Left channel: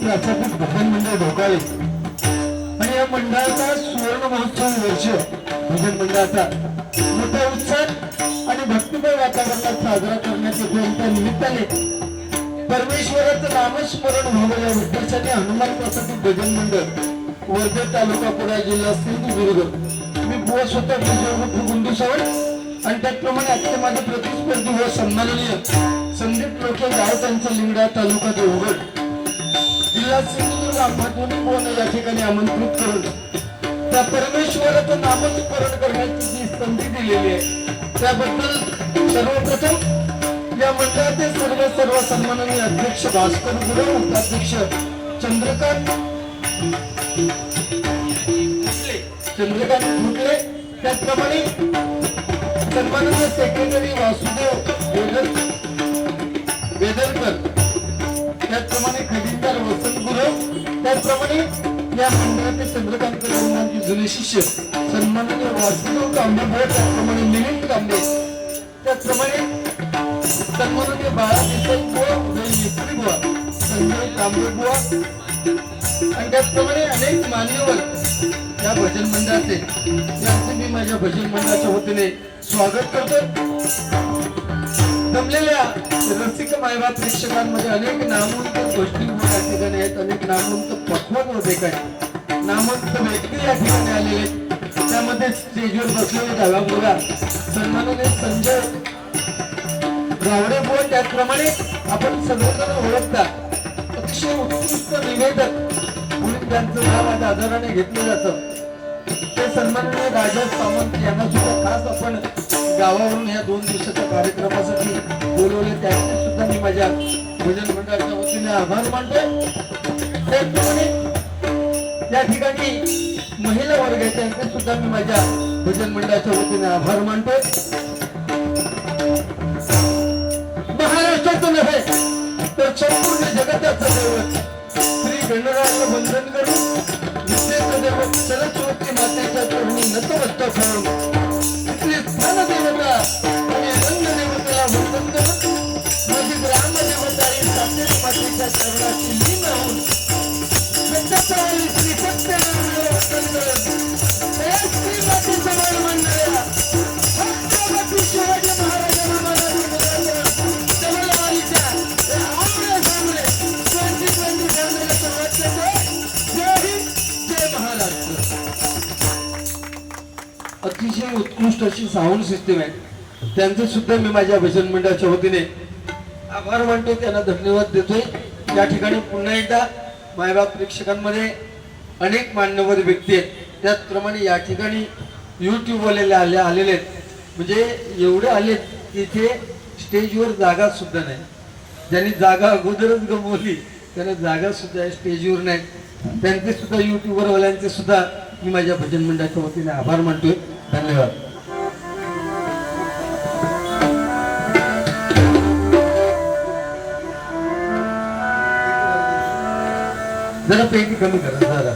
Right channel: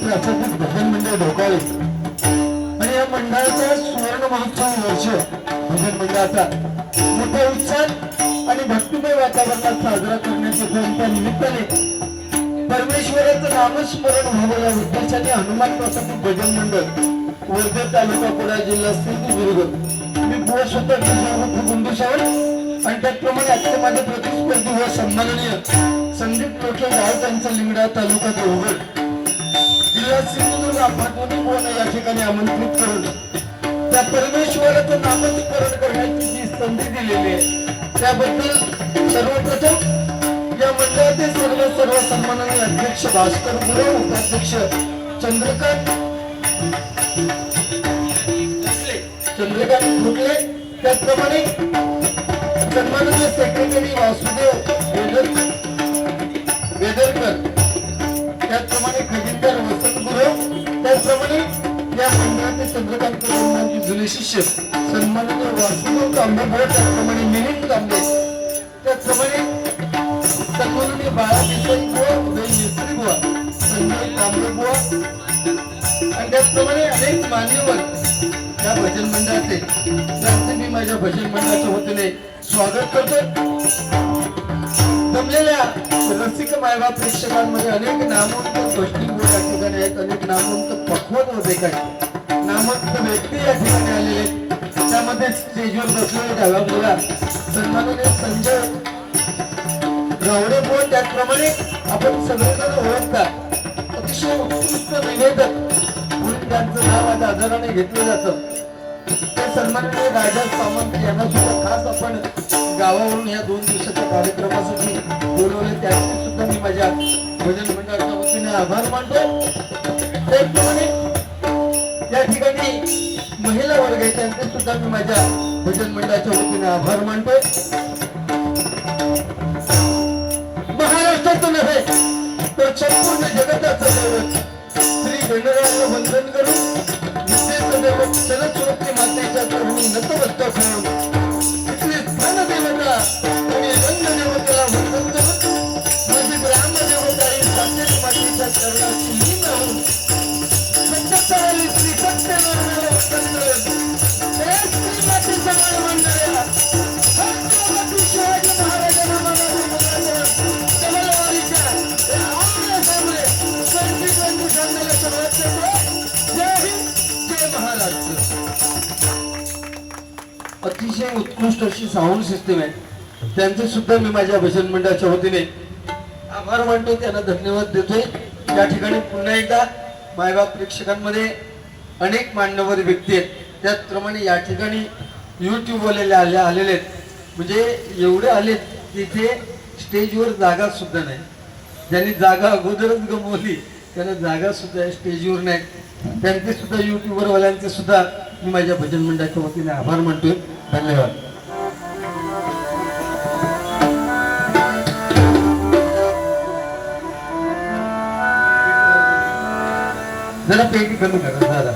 प्राथमिक भजन मंडळ ढोकाळे आणि या मंडळाचा सुवर्ण महोत्सव वर्ष भजन मंडळाचा मोठा उत्साह आणि भक्तिमय वातावरणात साजरा करण्यात येतो. त्या निमित्ताने परमेश्वराचं नामस्मरण व्हावं या उद्देशाने हनुमान प्राथमिक भजन मंडळ वर्धा तालुका पुणे जिल्हा सिंधुदुर्ग मी बुवा स्वतः गुंडू सावंत आणि त्याचप्रमाणे आता माझे प्रतिस्पर्धी व सन्माननीय संदीप लोके गाव त्यांचा लिंगडा तालुका देवगड जिल्हा सिंधुदुर्ग आपण बुवांना या ठिकाणी आमंत्रित करून त्या परमेश्वराचं नामस्मरण करण्याची जी संधी दिलेली आहे त्याबद्दल सर्वप्रथम या मंडळाचे सर्व सन्माननीय अध्यक्ष भास्कर गुरु उपाध्यक्ष चंद्रकांत फुटले त्याचप्रमाणे सन्माननीय सेक्रेटरी वासुदेव वेदरकर त्याचप्रमाणे खजिनदार वसंत गुरु त्याचप्रमाणे या मंडळाचे चंद्रकांत गुरुंची जुने शिष्य सन्माननीय वासुदेव कांबळे त्याचप्रमाणे मिलिंद कांबळे त्याचप्रमाणे सन्माननीय बाळा देसाई बुवा उदय मिस्त्री बुवा संजय कांबळे बुवा आणि त्याचप्रमाणे अनेक मान्यवर या भजन मंडळाचे त्यांचे मी माझ्या भजन मंडळाच्या वतीने स्वागत करतो. जमलेल्या रसिक मायबाप प्रेक्षकांमध्ये अनेक नामवंत गोष्टी या ठिकाणी आहेत, अनेक नामवंत पक्वत होते काय नामवंत व्यक्ती या ठिकाणी आलेले आहेत. त्यामध्ये स्टेजवर बसलेले डाव्या मुला सन्माननीय संजय गावडे बुवा त्याचप्रमाणे आपण सगळेजण ओळखतात अतिशय उत्कृष्ट निवेदक म्हणून त्यांचं नाव आज आदराने घेतलं जातं. ते सन्माननीय राजा सामंत यांना सुद्धा खास आपण गावावरून या 2 दिवसाच्या कार्यक्रमासाठी बोलवले त्यासाठी सुद्धा मी माझ्या भजन मंडळाच्या वतीने आभार मानतो. त्याचप्रमाणे या ठिकाणी महिला वर्ग आहे त्यांचे सुद्धा मी माझ्या भजन मंडळाच्या वतीने आभार मानतो. महाराष्ट्राचं नव्हे तर संपूर्ण जगताचं दैवत श्री वेणुरावचं वंदन करून विद्येचं सरस्वती मातेच्या चरणी नतमस्तक होऊन तिथली स्थानदेवता आणि रंगदेवतेला वंदन करून माझी ग्रामदेवता आणि सातेरी मातेच्या चरणाची लीन होऊन सत्यवादी श्री सत्यनारायण वंदन करून त्या श्री मातेचं मंडळा छत्रपती शिवाजी महाराजांना मनाली अतिशय उत्कृष्ट अशी साऊंड सिस्टीम आहे त्यांचे सुद्धा मी माझ्या भजन मंडळाच्या वतीने आभार मानतो. त्यांना धन्यवाद देतोय. या ठिकाणी पुन्हा एकदा मायबाप प्रेक्षकांमध्ये अनेक मान्यवर व्यक्ती आहेत त्याचप्रमाणे या ठिकाणी युट्यूब वाले आलेले आहेत म्हणजे एवढे आलेत की इथे स्टेजवर जागा सुद्धा नाही. ज्यांनी जागा अगोदरच गमवली त्यांना जागा सुद्धा स्टेजवर नाही. त्यांचे सुद्धा युट्यूबर वाल्यांचे सुद्धा मी माझ्या भजन मंडळाच्या वतीने आभार मानतोय. धन्यवाद. जरा पेटी कमी करा दादा.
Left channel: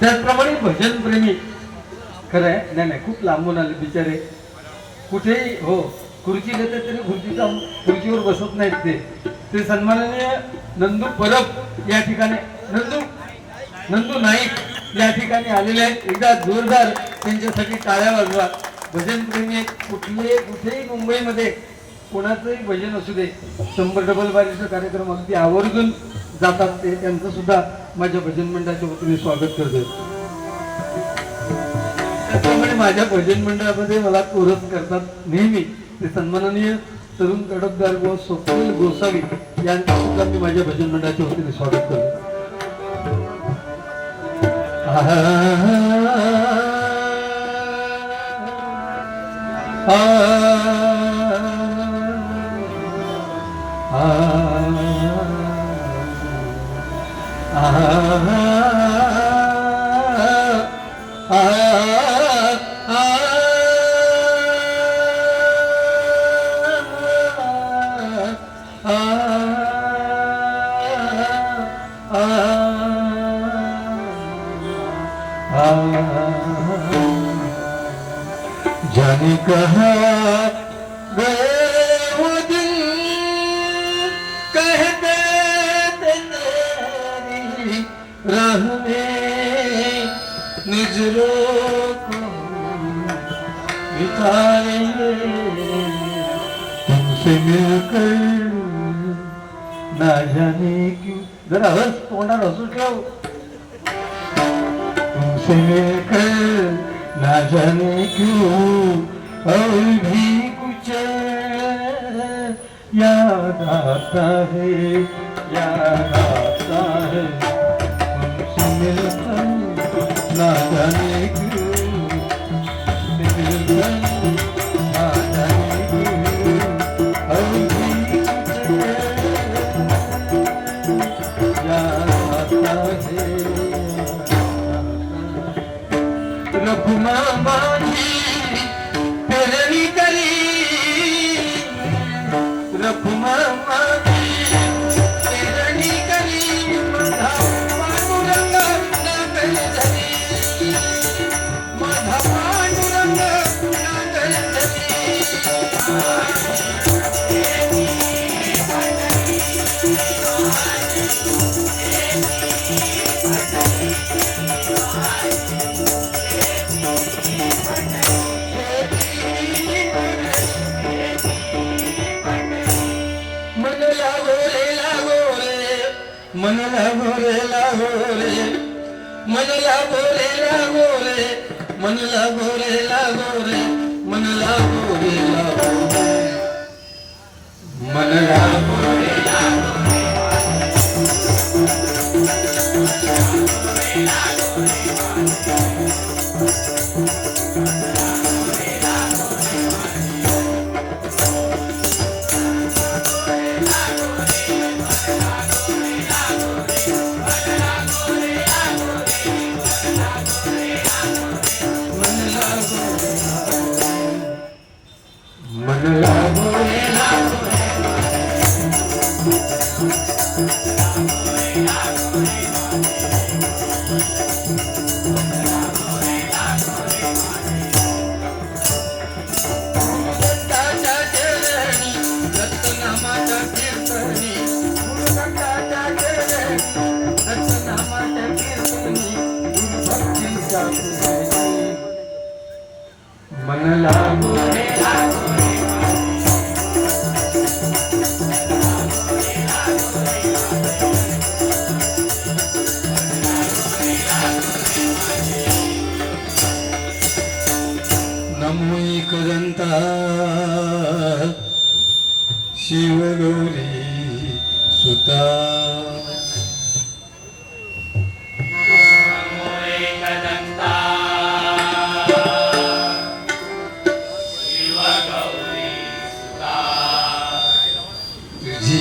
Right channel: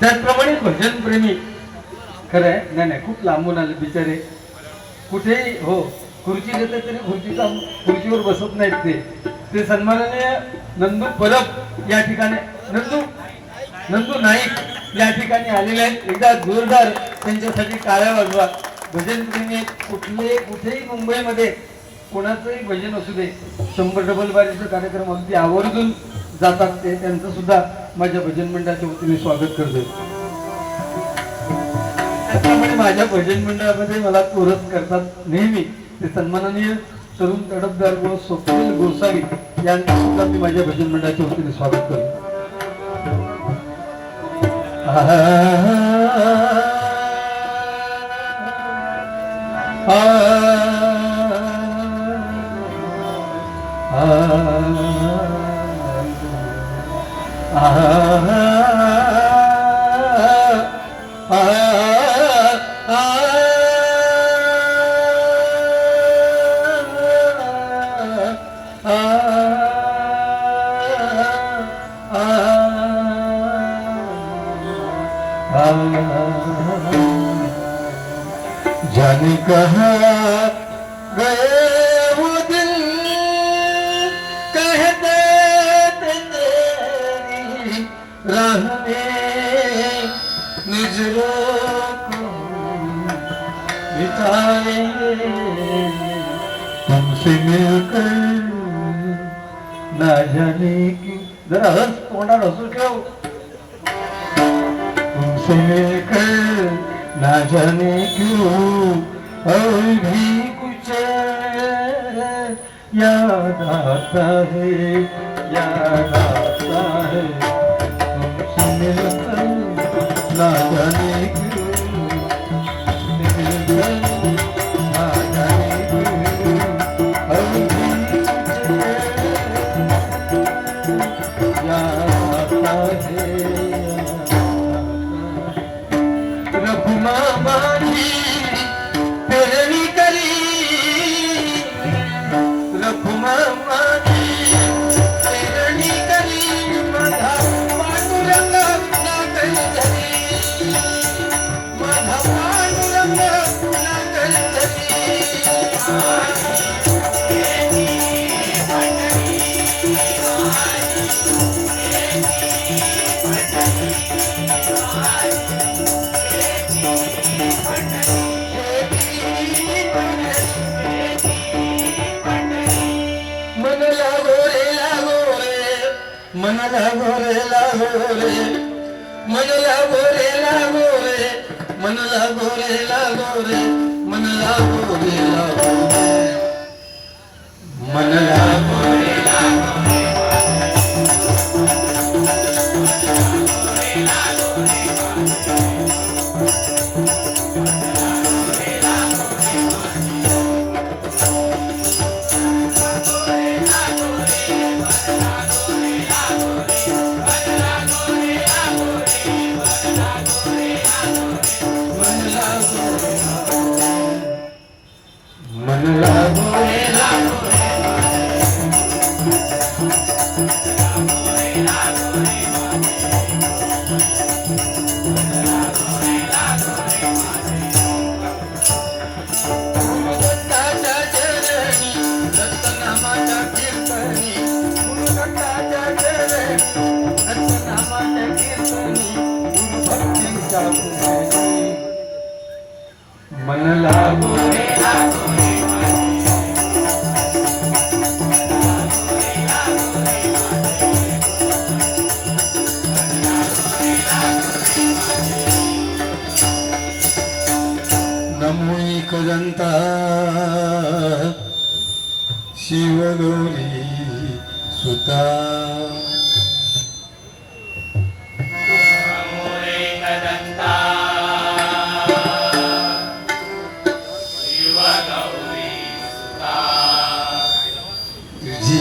त्याचप्रमाणे भजन प्रेमी खरं आहे नाही खूप लांबून आले बिचारे कुठेही हो खुर्ची देतात तरी खुर्चीवर बसत नाहीत. ते सन्माननीय नंदू परब या ठिकाणी नंदू नाईक या ठिकाणी आलेले आहेत. एकदा जोरदार त्यांच्यासाठी टाळ्या वाजवा. भजन प्रेमी कुठेही मुंबईमध्ये कोणाचंही भजन असू दे 100 डबल बारीचा कार्यक्रम अगदी आवर्जून जातात. ते त्यांचं सुद्धा माझ्या भजन मंडळाच्या वतीने स्वागत करतोय. त्याप्रमाणे माझ्या भजन मंडळामध्ये मला कोरस करतात नेहमी ते सन्माननीय तरुण तडफदार व स्वप्नील गोसावी यांचं सुद्धा मी माझ्या भजन मंडळाच्या वतीने स्वागत करतो. ah जाने कहा गए वो दिन कहते तेरी राह में नजरों को बिताएंगे तुमसे मिलकर ना जाने की जरा हंस तोंडात हसू ठेव तुमसे मिलकर ना जाने क्यों और भी कुछ याद आता है तुमसे मिलकर ना जाने क्यों तुमसे मिलकर ना जाने क्यों और भी कुछ याद आता है रघुमा माझी पेरणी करी रघुमा माझी पेरणी करी माझा पांडुरंग नागल धरी माझा पांडुरंग नागल मन लागो रे मन लागो रे मन लागो रे मन लागो रे मन लागो रे मन लागो रे मन लागो रे नमो एकदंता शिवगौरी सुता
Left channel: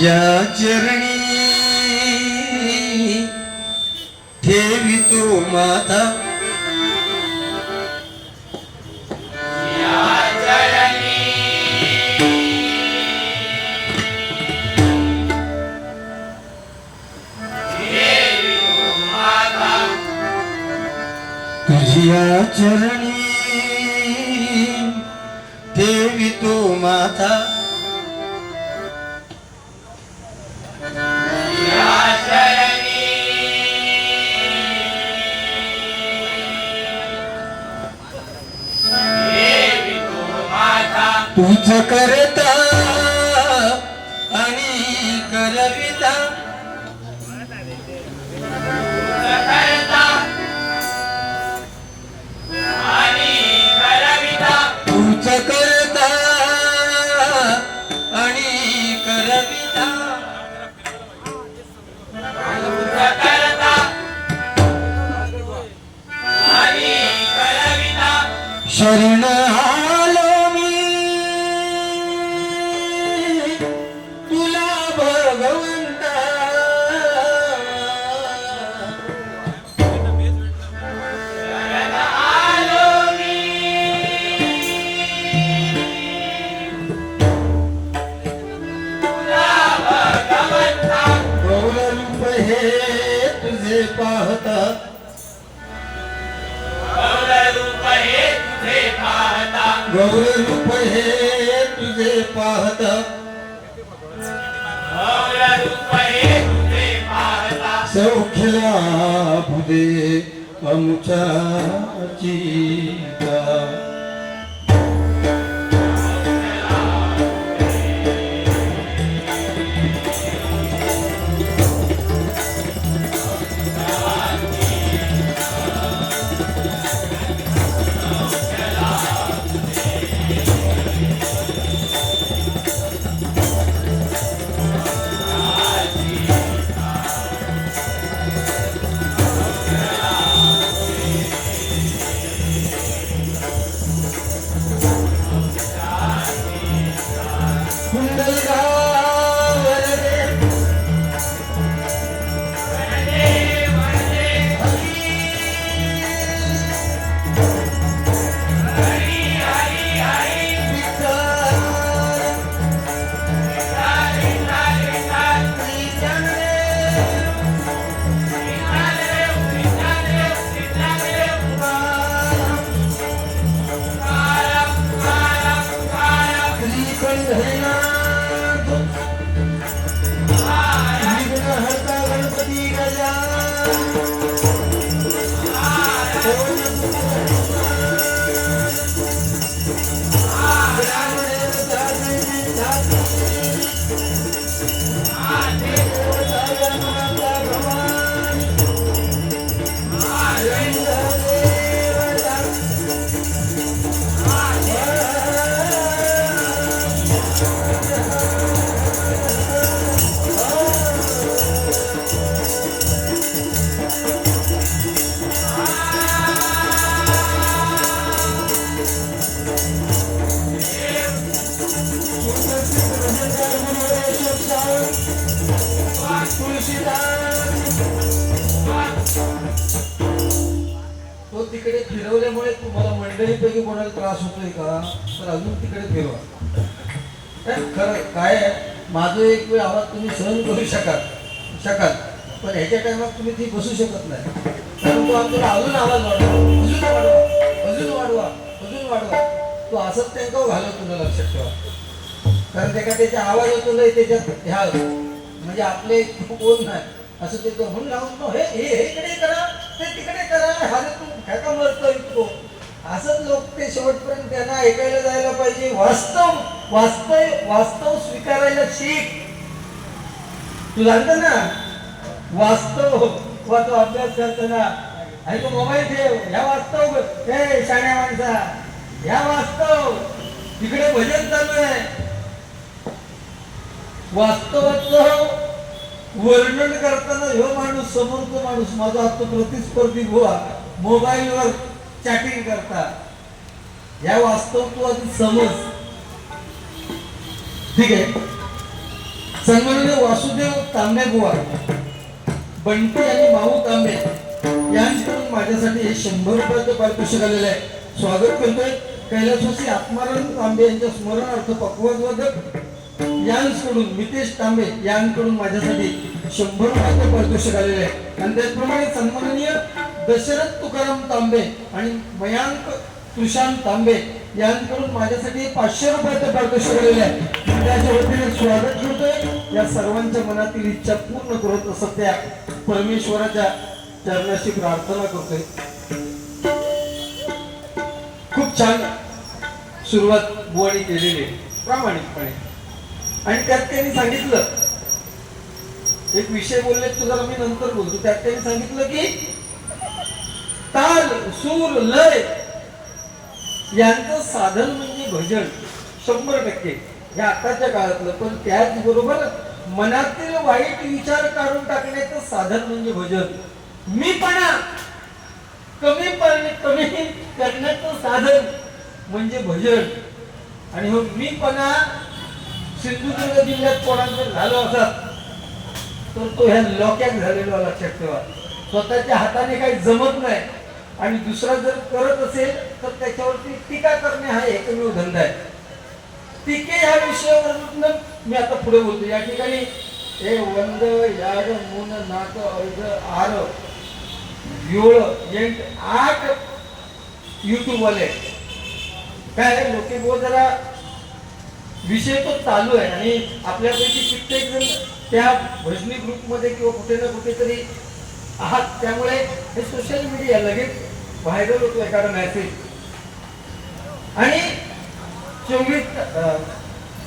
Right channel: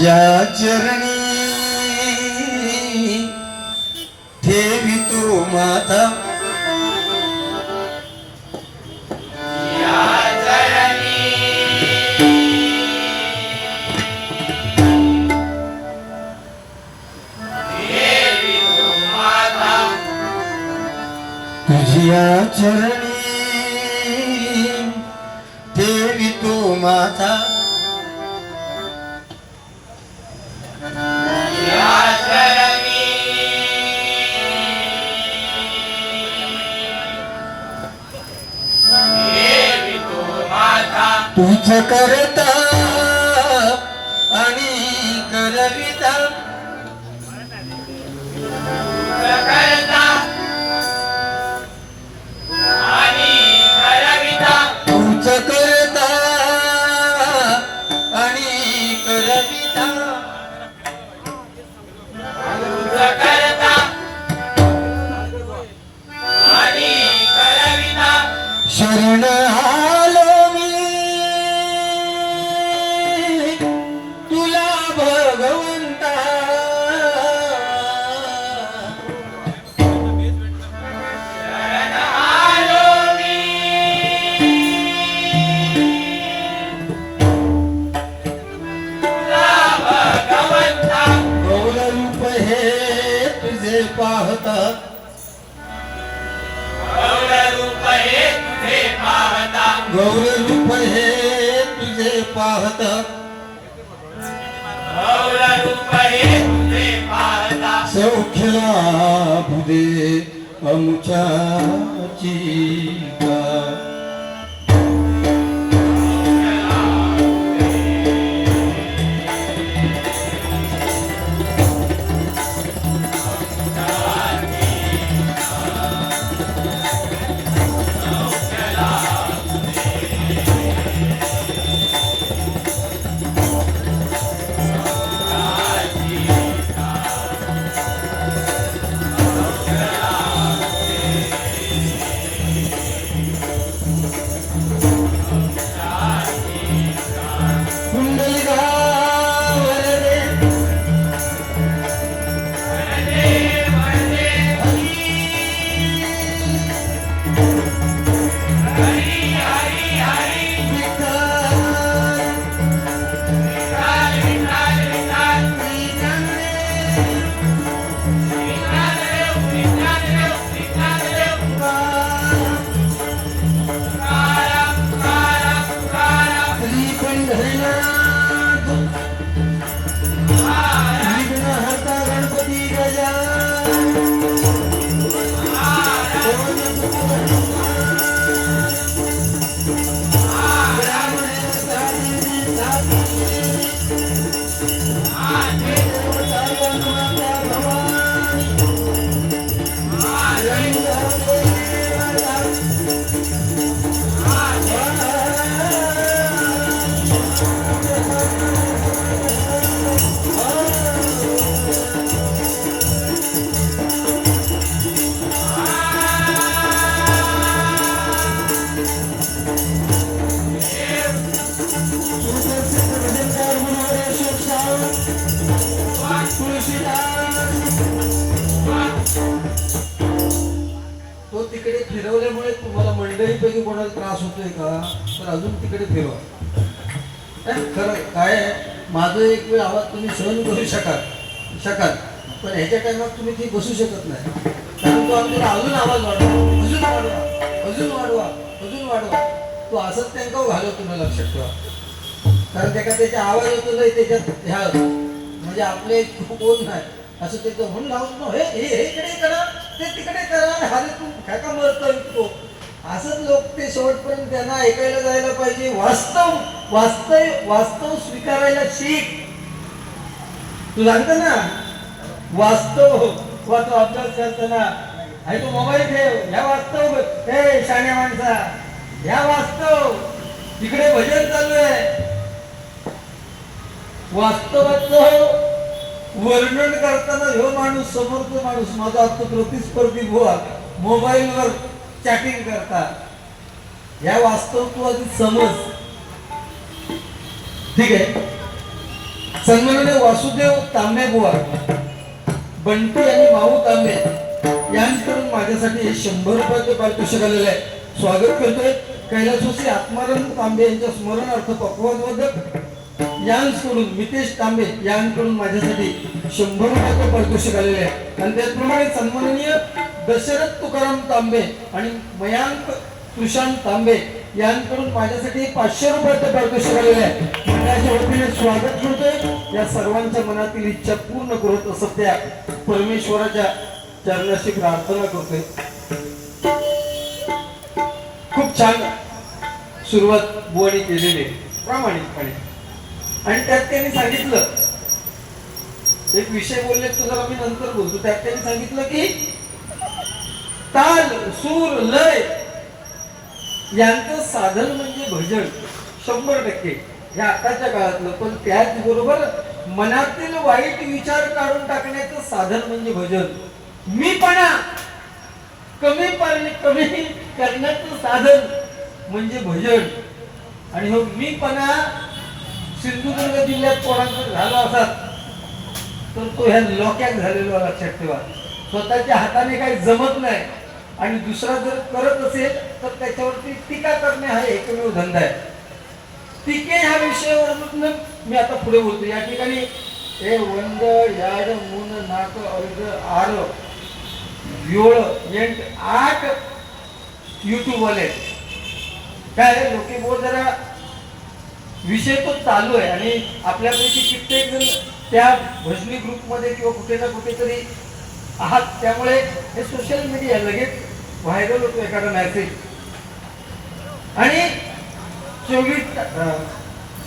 तुझ्या चरणी ठेवी तो माता तुझ्या चरणी ठेवी तो माता तुझ करता आणि करविता तुझ करता आणि करविता शरण पाहता गौर रूप हे तुझे पाहता सौख्य लाभू दे आमच्याची तो तिकडे फिरवल्यामुळे तुम्हाला मंडळीपैकी कोणाला त्रास होतोय का तर अजून तिकडे फिरवा. खरं काय आहे, माझं एक वेळ आवाज तुम्ही सहन करू शकाल पण ह्याच्या टायमात तुम्ही ती बसू शकत नाही, कारण तो आपल्याला अजून आवाज वाढवा तो असंच त्यांना घालवतो ना, लक्षात ठेवा. कारण त्याच्या आवाजातून नाही त्याच्यात ह्या म्हणजे आपले कोण नाही असं ते म्हणून लावून हे इकडे करा ते तिकडे करा, हा तू काका मरतो इतको असंच लोक ते शेवटपर्यंत त्यांना ऐकायला जायला पाहिजे. वास्तव स्वीकारायला शिक. तू जाणतो ना वास्तव तो अभ्यास करताना आणि तू मोबाईल ठेव, ह्या वास्तव हे शाण्या माणसा ह्या वास्तव तिकडे भजन चालू आहे. वास्तवाचं वर्णन करताना ह्यो माणूस समोरचा माणूस माझा आता प्रतिस्पर्धी गोवा मोबाईलवर चॅटिंग करता, या वास्तव तू आधी समज. ठीक आहे. सन्माननीय वासुदेव तांबे बुवा, बंटी आणि माऊ तांबे यांच्याकडून माझ्यासाठी हे 100 रुपयाचं पारितोषिक आलेलं आहे. स्वागत करतोय. कैलासवासी आत्मानंद तांबे यांच्या स्मरणार्थ पक्वादवादक यांकडून मितेश तांबे यांकडून माझ्यासाठी 100 रुपयाचं पारितोषिक आलेलं आहे. आणि त्याचप्रमाणे सन्माननीय दशरथ तुकाराम तांबे आणि मयांक तुषांत तांबे यांकडून माझ्यासाठी 500 रुपयाचं पारितोषिक आलेलं आहे. मंडळाच्या वतीने स्वागत करतोय. या सर्वांच्या मनातील इच्छा पूर्ण करत असत त्या परमेश्वराच्या चरणाशी प्रार्थना करतोय. खूप छान सुरुवात बुवानी केलेली प्रामाणिकपणे. आणि त्यात त्यांनी सांगितलं, एक विषय बोलले तुझा मी नंतर बोलतो. त्यात त्यांनी सांगितलं की ताल सूर लय यांचं साधन म्हणजे भजन 100% हे आताच्या काळातलं. पण त्याचबरोबर मनातील वाईट विचार काढून टाकण्याचं साधन म्हणजे भजन. मीपणा कमी करण्याचं साधन म्हणजे भजन. आणि मग मीपणा सिंधुदुर्ग जिल्ह्यात कोणाकडे झाला असतात तर तो ह्या लोक्यात झालेला, लक्षात ठेवा. स्वतःच्या हाताने काही जमत नाही आणि दुसरा जर करत असेल तर त्याच्यावरती टीका करणे हा एकमेव धंदा आहे. टीके ह्या विषयावरून मी आता पुढे बोलतो. या ठिकाणी हे वंद याड मून नाक अर्ध आर योळ 8 युट्यूब वाले काय लोके जरा विषय तो चालू आहे आणि आपल्यापैकी कित्येक जण त्या भजनी ग्रुपमध्ये किंवा कुठे ना कुठेतरी आहात, त्यामुळे हे सोशल मीडिया लगेच व्हायरल होतो एखादा मेसेज. आणि 24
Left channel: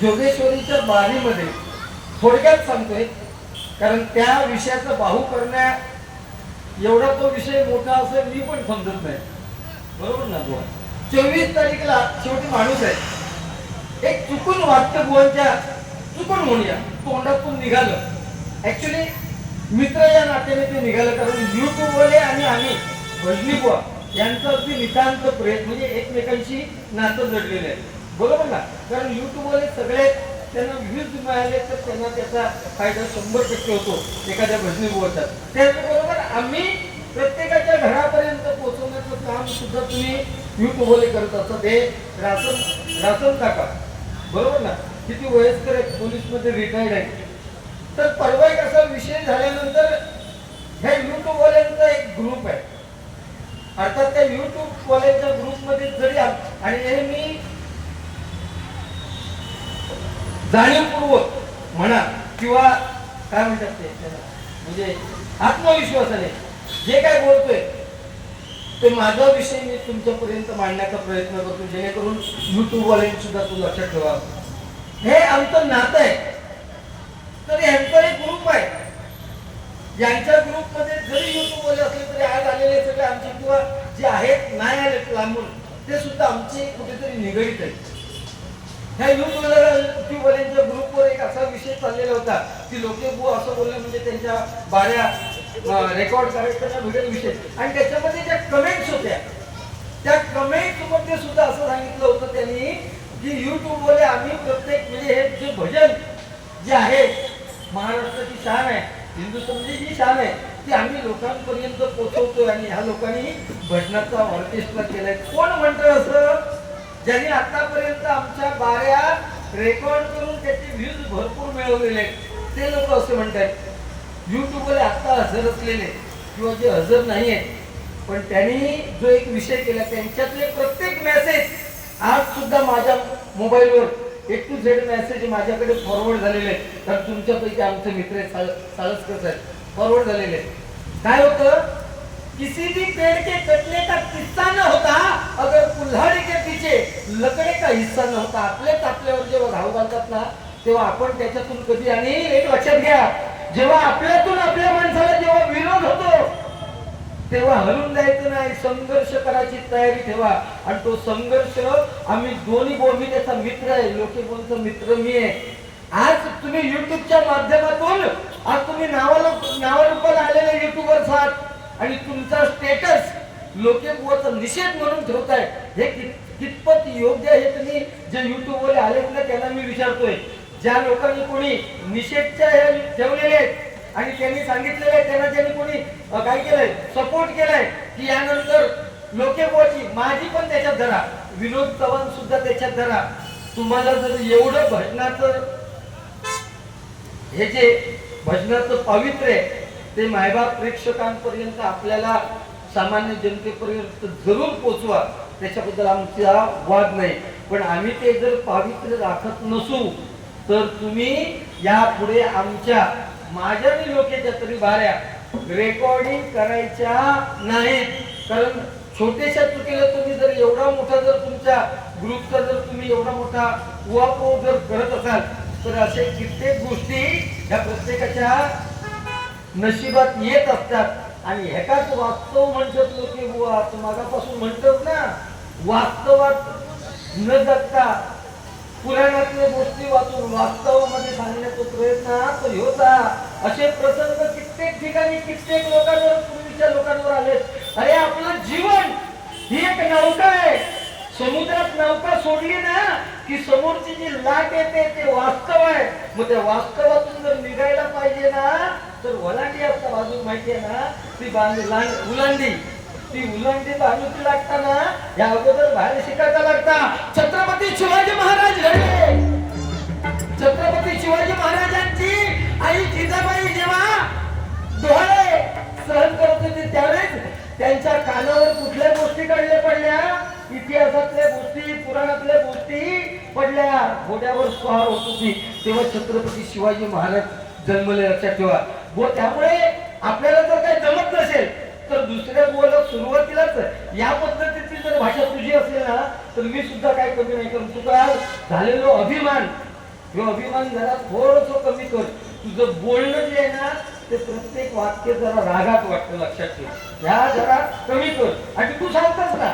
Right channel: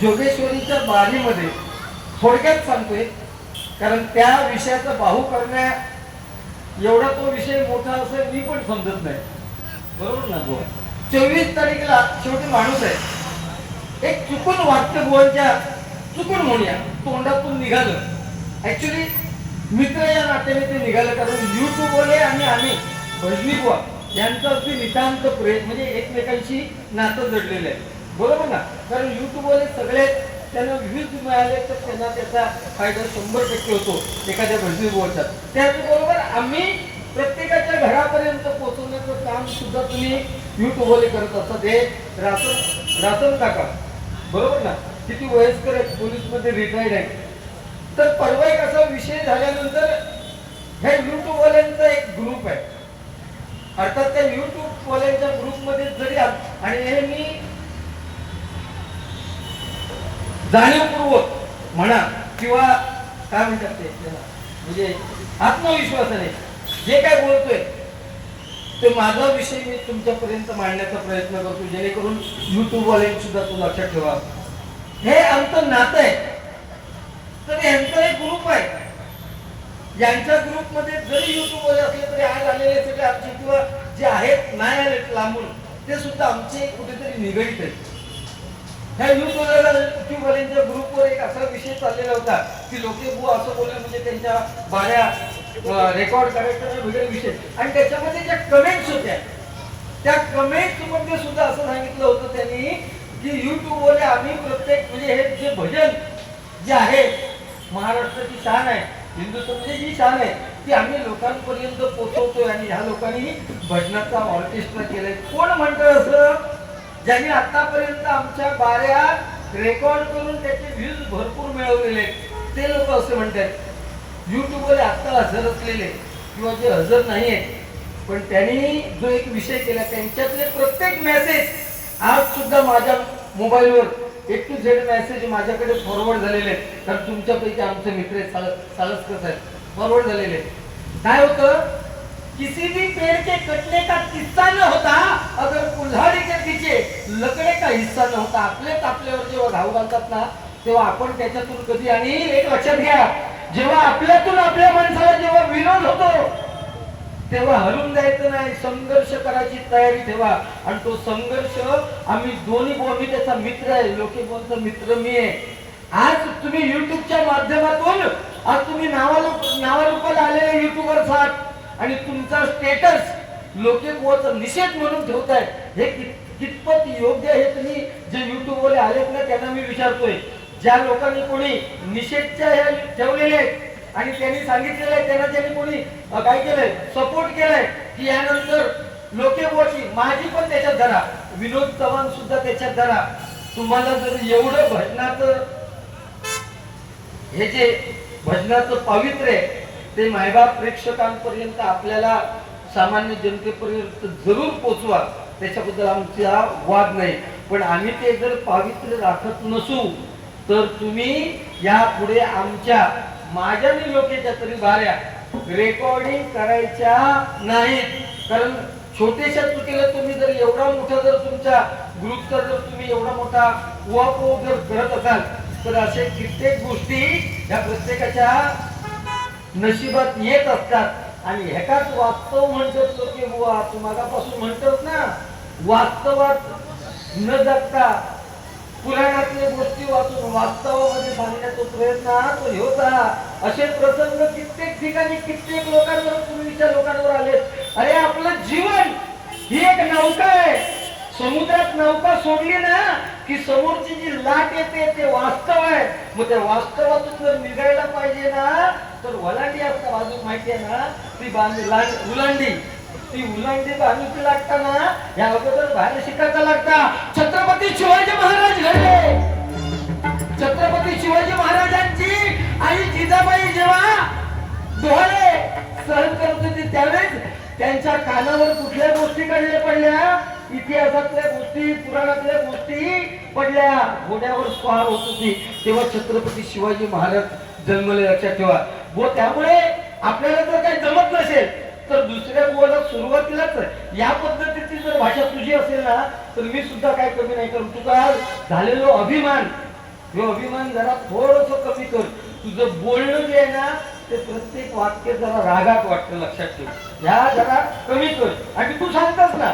जोगेश्वरीच्या बारीमध्ये थोडक्यात सांगतोय, कारण त्या विषयाचा बाहू करण्या एवढा तो विषय मोठा असेल मी पण समजत नाही, बरोबर ना बुवा. 24 तारीखला शेवटी माणूस आहे, एक चुकून वाक्य बुवांच्या चुकून म्हणूया तोंडातून निघालं. ऍक्च्युली मित्र या नात्याने ते निघालं, कारण युट्यूबवाले आणि आम्ही भजनी बुवा यांचं अगदी नितांत प्रेम, म्हणजे एकमेकांशी नातं जडलेलं आहे, बरोबर ना. कारण युट्यूबवाले सगळे त्यांना व्ह्यूज मिळाले तर त्यांना त्याचा फायदा 100% होतो एखाद्या भजनी बुवाचा. त्याचबरोबर आम्ही प्रत्येकाच्या घरापर्यंत पोहोचवण्याचं काम सुद्धा तुम्ही युट्यूबवाले करत असतात. हे रासन काका बरोबर ना, किती वयस्कर आहे, पोलीसमध्ये रिटायर्ड आहे. तर परवा एक असा विषय झाल्यानंतर ह्या युट्यूबवाल्यांचा एक ग्रुप आहे, अर्थात त्या युट्यूबवाल्यांच्या ग्रुपमध्ये जरी आणि हे मी जाणीवपूर्वक म्हणा किंवा काय म्हणतात ते म्हणजे आत्मविश्वासाने जे काय बोलतोय ते माझा विषय मी तुमच्यापर्यंत मांडण्याचा प्रयत्न करतो, जेणेकरून युट्यूबवाल्यांनी सुद्धा तो लक्षात ठेवा. हे आमचं नातं आहे. तर यांचा एक ग्रुप आहे, ज्यांच्या ग्रुपमध्ये जरी युट्यूबवाले असले तरी आज आलेले सगळे आमचे किंवा जे आहेत नाही आले लांबून ते सुद्धा आमचे कुठेतरी निगडीत आहेत. ह्या युट्यूबवाल्यांच्या ग्रुपवर एक असा विषय चाललेला होता की लोके बुवा असं बोलले म्हणजे त्यांच्या बाऱ्या रेकॉर्ड करायचा वेगळा विषय. आणि त्याच्यामध्ये ज्या कमेंट्स होत्या त्या कमेंट्स मध्ये सुद्धा असं सांगितलं होतं त्यांनी की युट्यूबवाले आम्ही प्रत्येक म्हणजे हे जे भजन जे आहे महाराष्ट्राची शान आहे, हिंदुस्थानची जी शान आहे ती आम्ही लोकांपर्यंत पोहोचवतोय. आणि ह्या लोकांनी भजनाचा ऑर्केस्ट्रा केलाय. कोण म्हणतं असं? ज्यांनी आतापर्यंत आमच्या बाऱ्या रेकॉर्ड करून त्याचे व्ह्यूज भरपूर मिळवलेले ते लोक असं म्हणतात. युट्यूबवर आता हजर असलेले किंवा जे हजर नाही आहेत पण त्यांनी जो एक विषय केला त्यांच्यातले प्रत्येक मेसेज आज सुद्धा माझ्या मोबाईलवर A to Z मेसेज माझ्याकडे फॉरवर्ड झालेले आहेत. कारण तुमच्यापैकी आमचे मित्र साळसकर आहेत, फॉरवर्ड झालेले. काय होतं? किसी भी पेड़ के कटने का किस्सा न होता अगर कुल्हाड़ी के पीछे लकड़े का हिस्सा न होता. आपलेच आपल्यावर जेव्हा घाव घालतात ना तेव्हा आपण त्याच्यातून कधी, आणि एक लक्षात घ्या, जेव्हा आपल्यातून आपल्या माणसाला जेव्हा विरोध होतो तेव्हा हरून द्यायचं नाही, संघर्ष करायची तयारी ठेवा. आणि तो संघर्ष आम्ही दोन्ही मी त्याचा मित्र आहे, लोके बोलचा मित्र मी आहे. आज तुम्ही युट्यूबच्या माध्यमातून आज तुम्ही नावारूपाला आलेले युट्यूबर्स आहात आणि तुमचा स्टेटस लोके बुवाचा निषेध म्हणून ठेवताय. हे कितपत योग्य आहे? तुम्ही जे युट्यूबवर आलेत ना त्यांना मी विचारतोय, ज्या लोकांनी कोणी निषेधच्या ठेवलेले आणि त्यांनी सांगितलेलं आहे त्यांना ज्यांनी कोणी काय केलंय सपोर्ट केलाय की यानंतर लोके बुवाची माझी पण त्याच्यात धरा, विनोद चव्हाण सुद्धा त्याच्यात धरा. तुम्हाला जर एवढं भजनाचं हे जे भजनाचं पवित्र आहे ते मायबाप प्रेक्षकांपर्यंत आपल्याला सामान्य जनतेपर्यंत जरूर पोचवा, त्याच्याबद्दल आमचा वाद नाही. पण आम्ही ते जर पवित्र राखत नसू तर तुम्ही यापुढे आमच्या माझ्या लोकेच्या तरी बाऱ्या रेकॉर्डिंग करायच्या नाहीत. कारण छोट्याशा चुकीला तुम्ही जर एवढा मोठा जर तुमच्या ग्रुपचा जर तुम्ही एवढा मोठा उहापोह जर करत असाल तर असे कित्येक गोष्टी या प्रत्येकाच्या नशिबात येत असतात. आणि ह्याकाच वास्तव म्हणतात की बुवा तू मागापासून म्हणतोस ना, वास्तवात न जगता पुराणातल्या गोष्टी वाचून वास्तवामध्ये सांगण्याचा प्रयत्न तो होता. असे प्रसंग कित्येक ठिकाणी कित्येक लोकांवर पूर्वीच्या लोकांवर आले. अरे आपलं जीवन ही एक नौका आहे, समुद्रात नौका सोडली ना की समोरची जी लाट येते ते वास्तव आहे. मग त्या वास्तवातून जर निघायला पाहिजे ना तर वलांडी असतं बाजू माहिती आहे ना, ती उलांडी ती उलंडी बाजूची लागताना या अगोदर बाहेर शिकायला लागता. छत्रपती शिवाजी महाराज घडले. छत्रपती शिवाजी महाराजांची आई जिजाबाई जेव्हा डोळे सहन करत होती त्यावेळेस त्यांच्या कानावर कुठल्या गोष्टी काढल्या पडल्या इतिहासातल्या गोष्टी पुराणातल्या गोष्टी पडल्या घोड्यावर स्वार होत होती तेव्हा छत्रपती शिवाजी महाराज जन्मले, लक्षात ठेवा. त्यामुळे आपल्याला जर काही जमत नसेल तर दुसऱ्या बोलायला सुरुवातीलाच या पद्धतीची जर भाषा तुझी असेल ना तर मी सुद्धा काय कमी नाही करू. तुझा झालेलो अभिमान, हे अभिमान जरा थोडस कमी कर. तुझं बोलणं जे आहे ना ते प्रत्येक वाक्य जरा रागात वाटतं, लक्षात ठेव. ह्या जरा कमी कर. आणि तू सांगतोस ना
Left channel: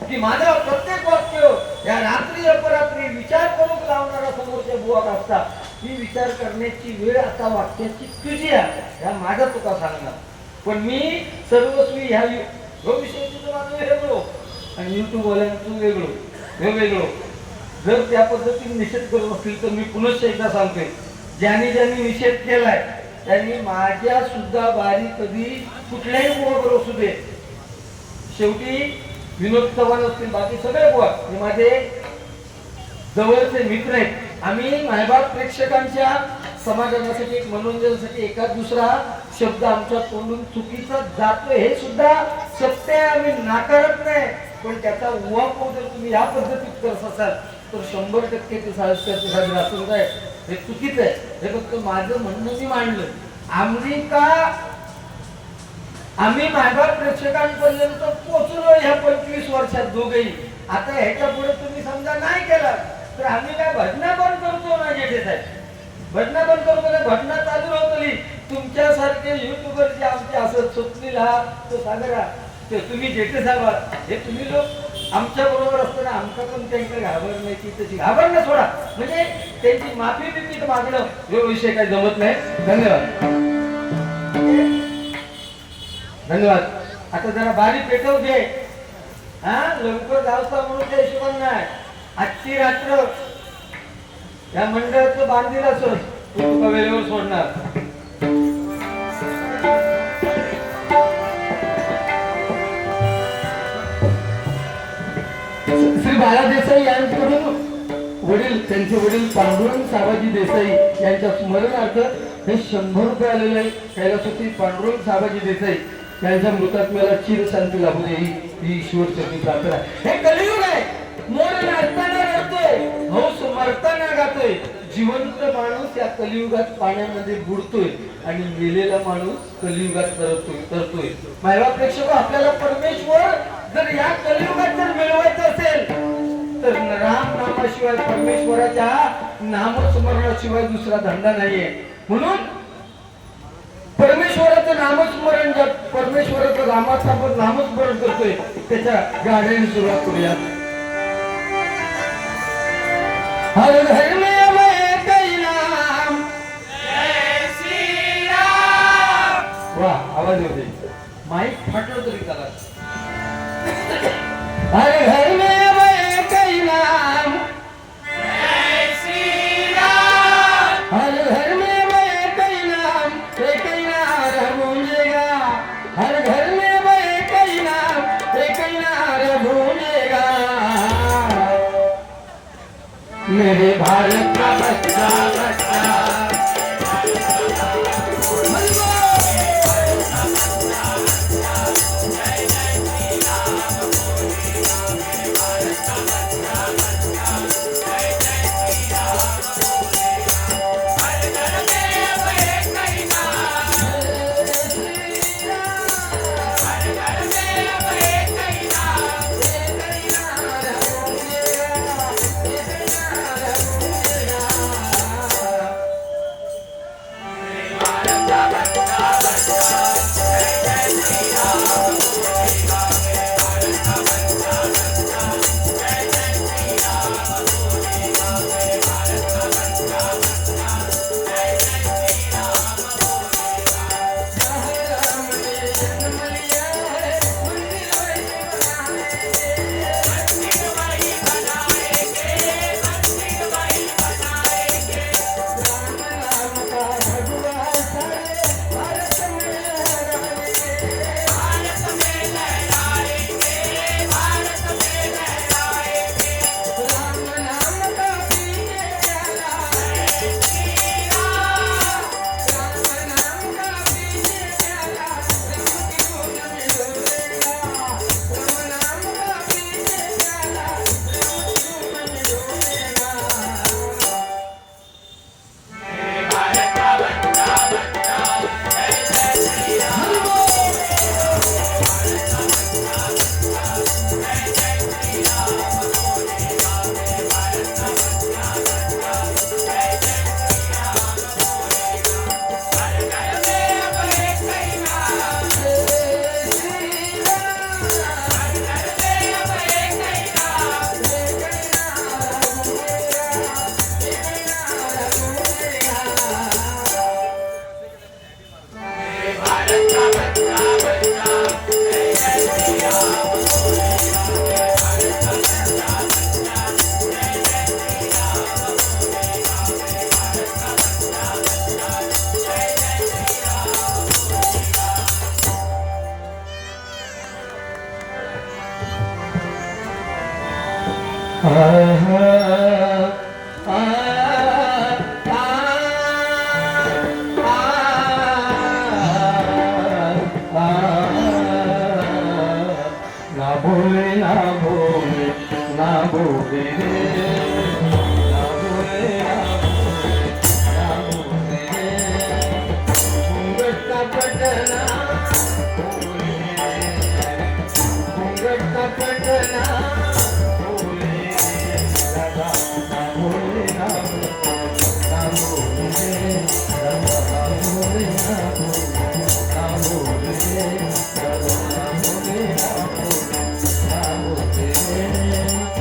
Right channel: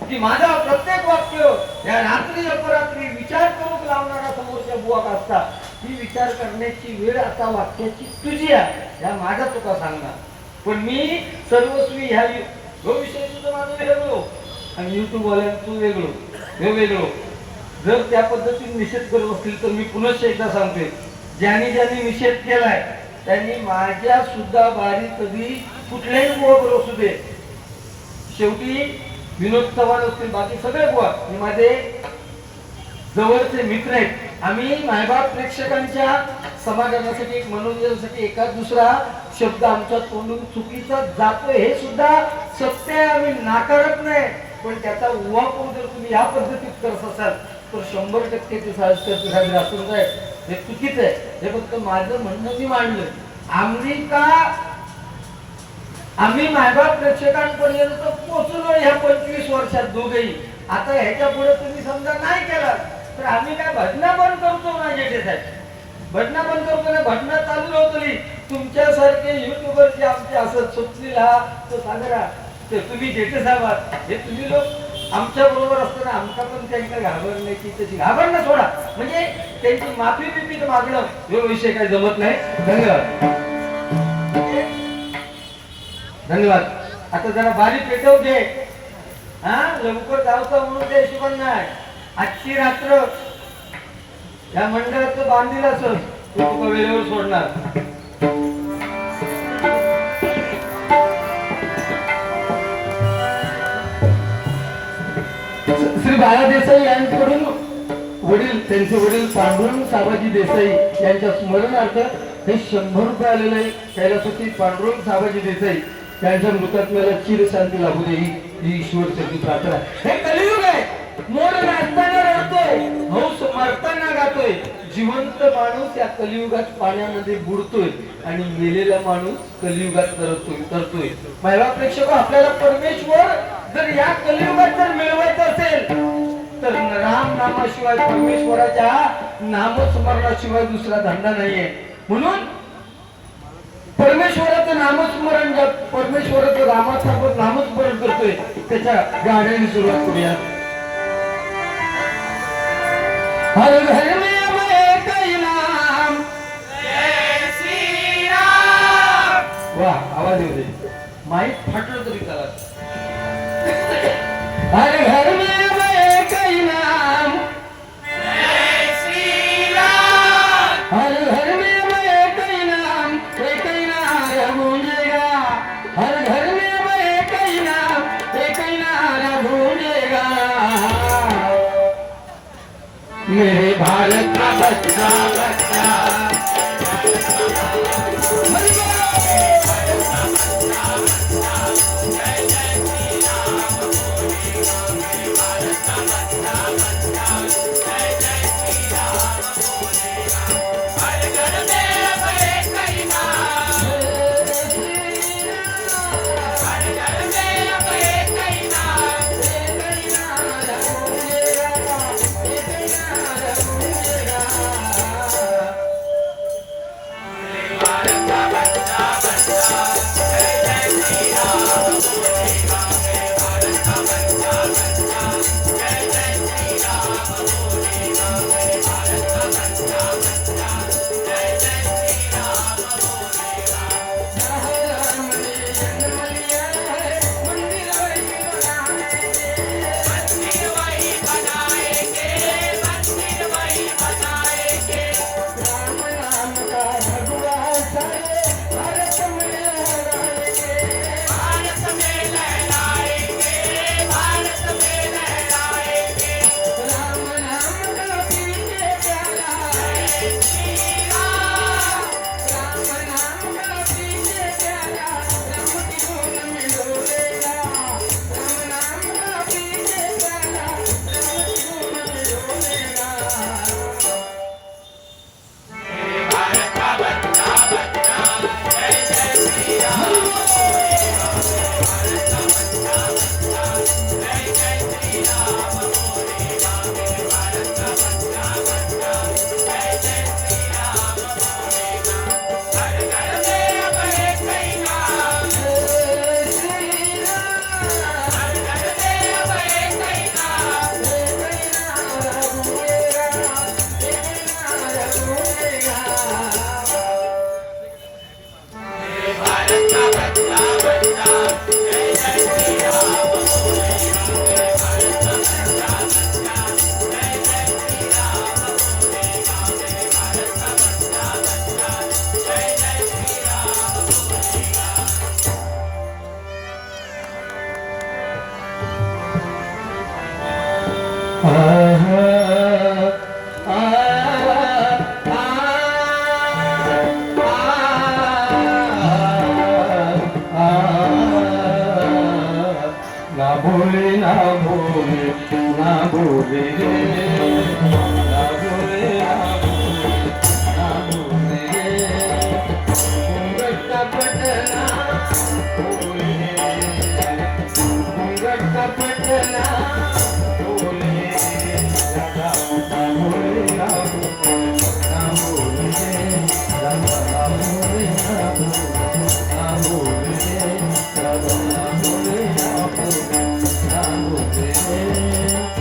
की माझा प्रत्येक वाक्य या रात्री अपरात्री विचार करून लावणारा समोरच्या बुवा असता, ही विचार करण्याची वेळ आता वाक्याची तुझी आहे. या माझा तुका सांगणार. पण मी सर्वस्वी ह्या विषयी तुझं माझं वेगळं आणि युट्यूब वाल्यांचं वेगळं, हे वेगळं. जर त्या पद्धतीने निषेध करत असतील तर मी पुनश्च एकदा सांगते, ज्यांनी ज्यांनी निषेध केलाय त्यांनी माझ्या सुद्धा बारी कधी कुठल्याही बुवा असू दे. शेवटी विनोद चव्हाण असतील, बाकी सगळे बुवा हे माझे जवळचे मित्र आहेत. आम्ही मायबाप प्रेक्षकांच्या समाधानासाठी, एक मनोरंजनासाठी एका दुसरा शब्द आमच्या तोंडून चुकीचा जातोय हे सुद्धा सत्य, आम्ही नाकारत नाही. पण त्याचा वापर जर तुम्ही या पद्धतीत करत असाल तर 100% ते साहेब हे चुकीचं आहे. हे फक्त माझं म्हणणं मी मांडलं. आम्ही मायबाप प्रेक्षकांपर्यंत पोहोचलो ह्या 25 वर्षात दोघेही. आता ह्याच्या पुढे तुम्ही समजा नाही केला तर आम्ही काय भजना बंद करतो ना जेठे साहेब, भजना बंद करतो ना, भजना चालू होती. तुमच्यासारखे युट्यूबर जे आमचे असत सुटतील हा तो सागरा ते तुम्ही जेठे साहेब हे तुम्ही लोक आमच्या बरोबर असताना आमचा पण त्यांना घाबरण्याची तशी घाबरणं सोडा, म्हणजे त्यांची माफी बिफी मागणं हे विषय काही जमत नाही. धन्यवाद, धन्यवाद. आता जरा बारी पेटव घे, हा लवकर जावचं म्हणून ते हिशोबान नाही. आजची रात्र या मंडळाचं बांधील असत ते तुका वेळेवर सोडणार. श्री बाळा देसाई यांच्याकडून वडील, त्यांचे वडील पांडुरंग साबाजी देसाई यांच्या स्मरणार्थ हे 100 रुपये आलेले आहे. कैलासपती पांडुरंग साबाजी देसाई त्यांच्या मृतात्म्याला चिरशांती लाभू दे ही ईश्वरचरणी प्रार्थना. हे कलियुग आहे. मोर नाचताना रडतोय, हौस मरताना गातोय. जिवंत माणूस या कलियुगात पाण्यामध्ये बुडतोय आणि मेलेला माणूस कलियुगात तरतोय. महिला प्रेक्षक, आपल्याला परमेश्वर जर या कलियुगात जर मिळवायचं असेल तर राम नामाशिवाय, परमेश्वराच्या नामस्मरणाशिवाय दुसरा धंदा नाहीये. म्हणून परमेश्वराचं नामस्मरण, जर परमेश्वराचं रामाचं आपण नामस्मरण करतोय त्याच्या गाण्याने सुरुवात करूया. हर घर में मैं कई नाम, जय श्री राम. वाह, आवाज येऊ दे, माईक फाटलं तरी चालत. हर घर में मैं कई नाम, जय श्री राम. हर घर में मैं कई नाम, एक ही नाम गूंजेगा. हर घर में मैं कई नाम, एक ही नाम गूंजेगा. मेरे भारत का बच्चा बच्चा ना भोले ना भोले ना भोले ना भोले ना भोले घूंघट का पटना भोले घूंघट का पटना भोले राधा ना भोले ना भोले राधा ना भोले ना भोले राधा ना भोले ना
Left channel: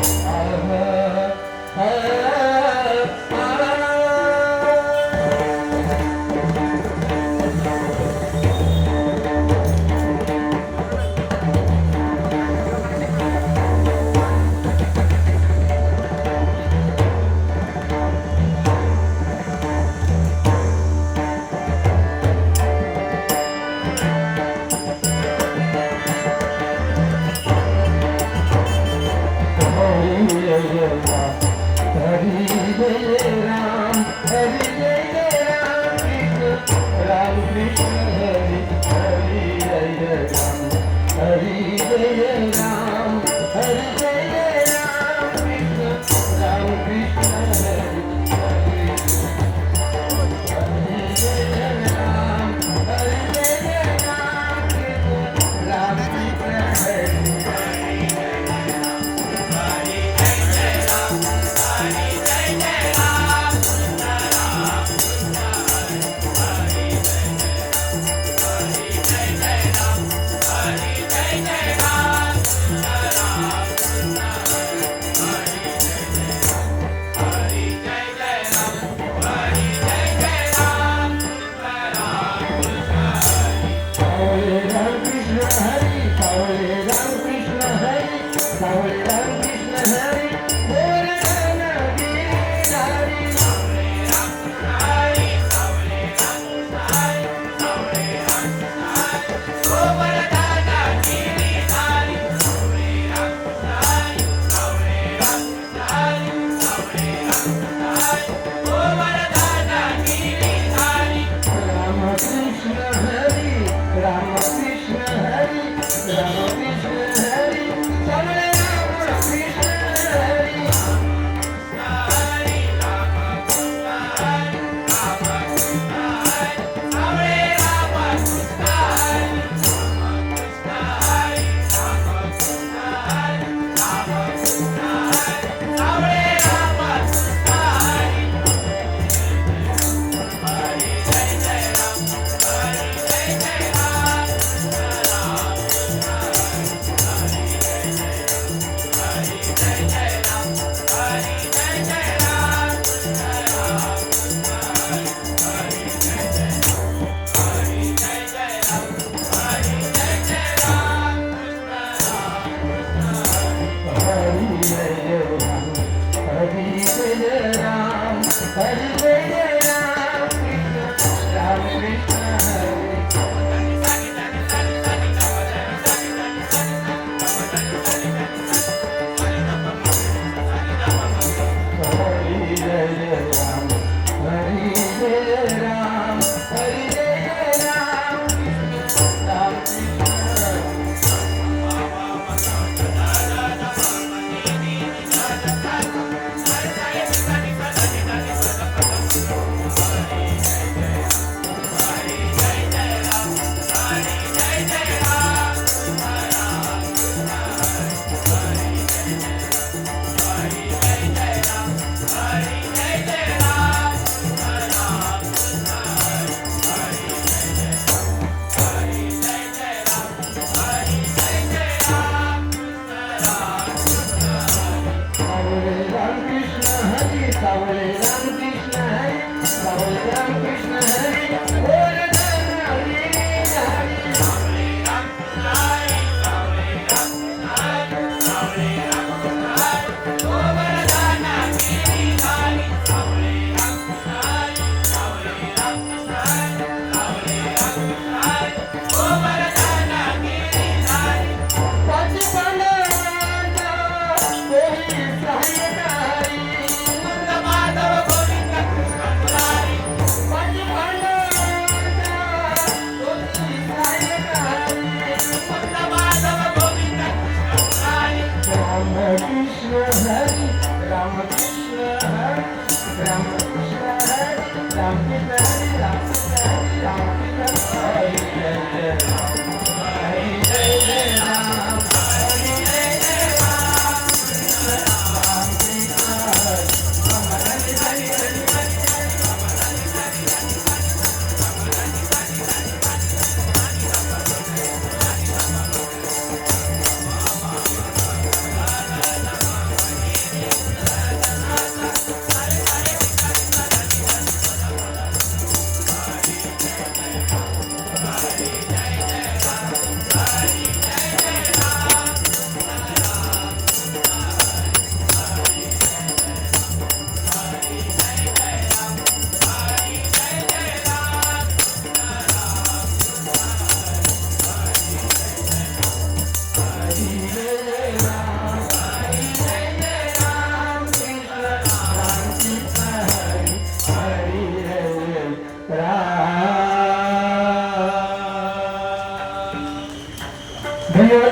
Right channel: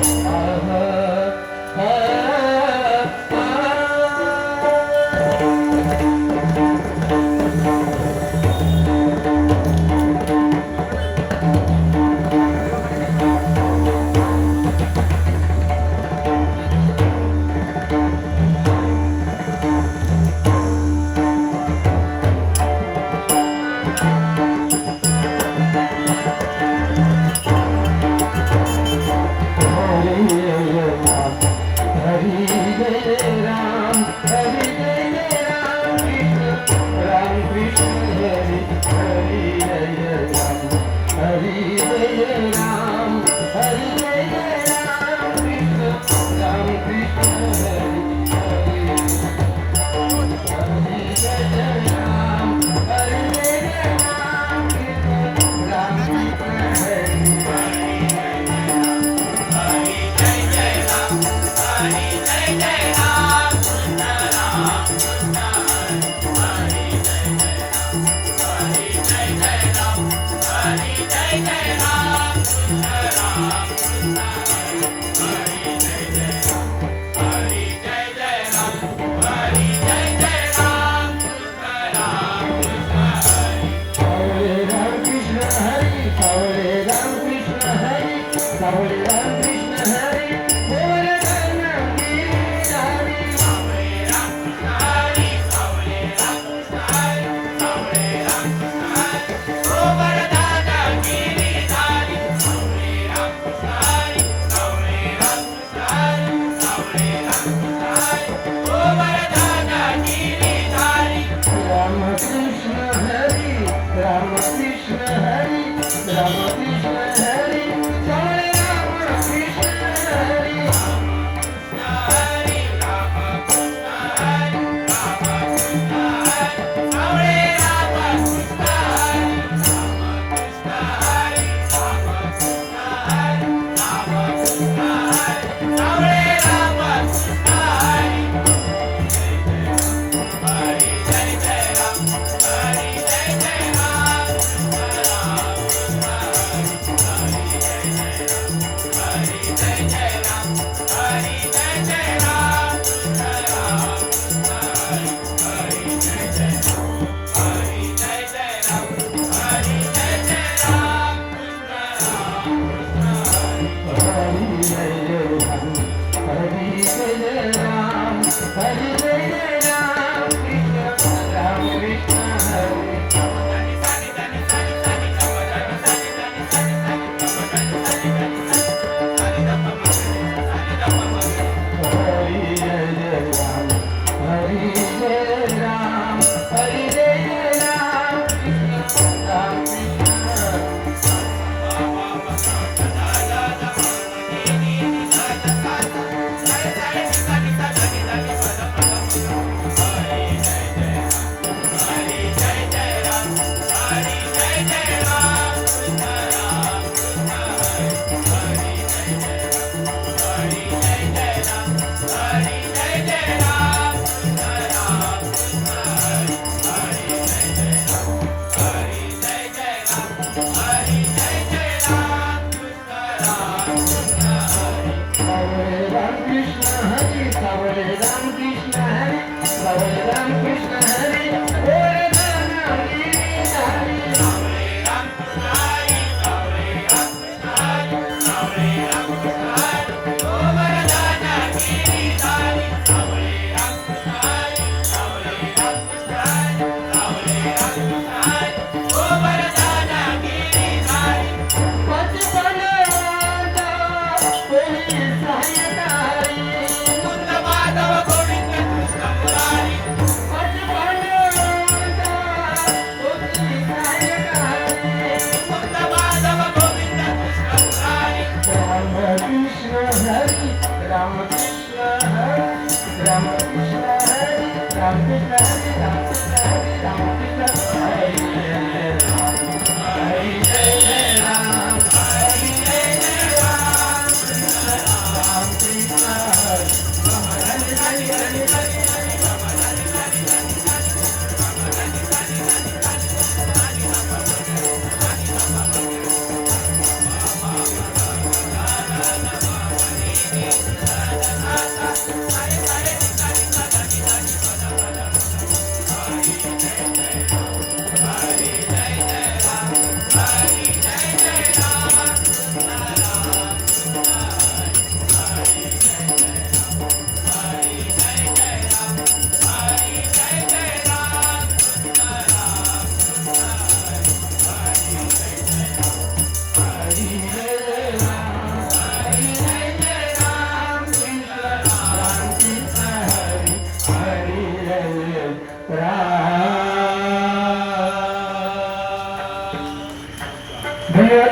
रे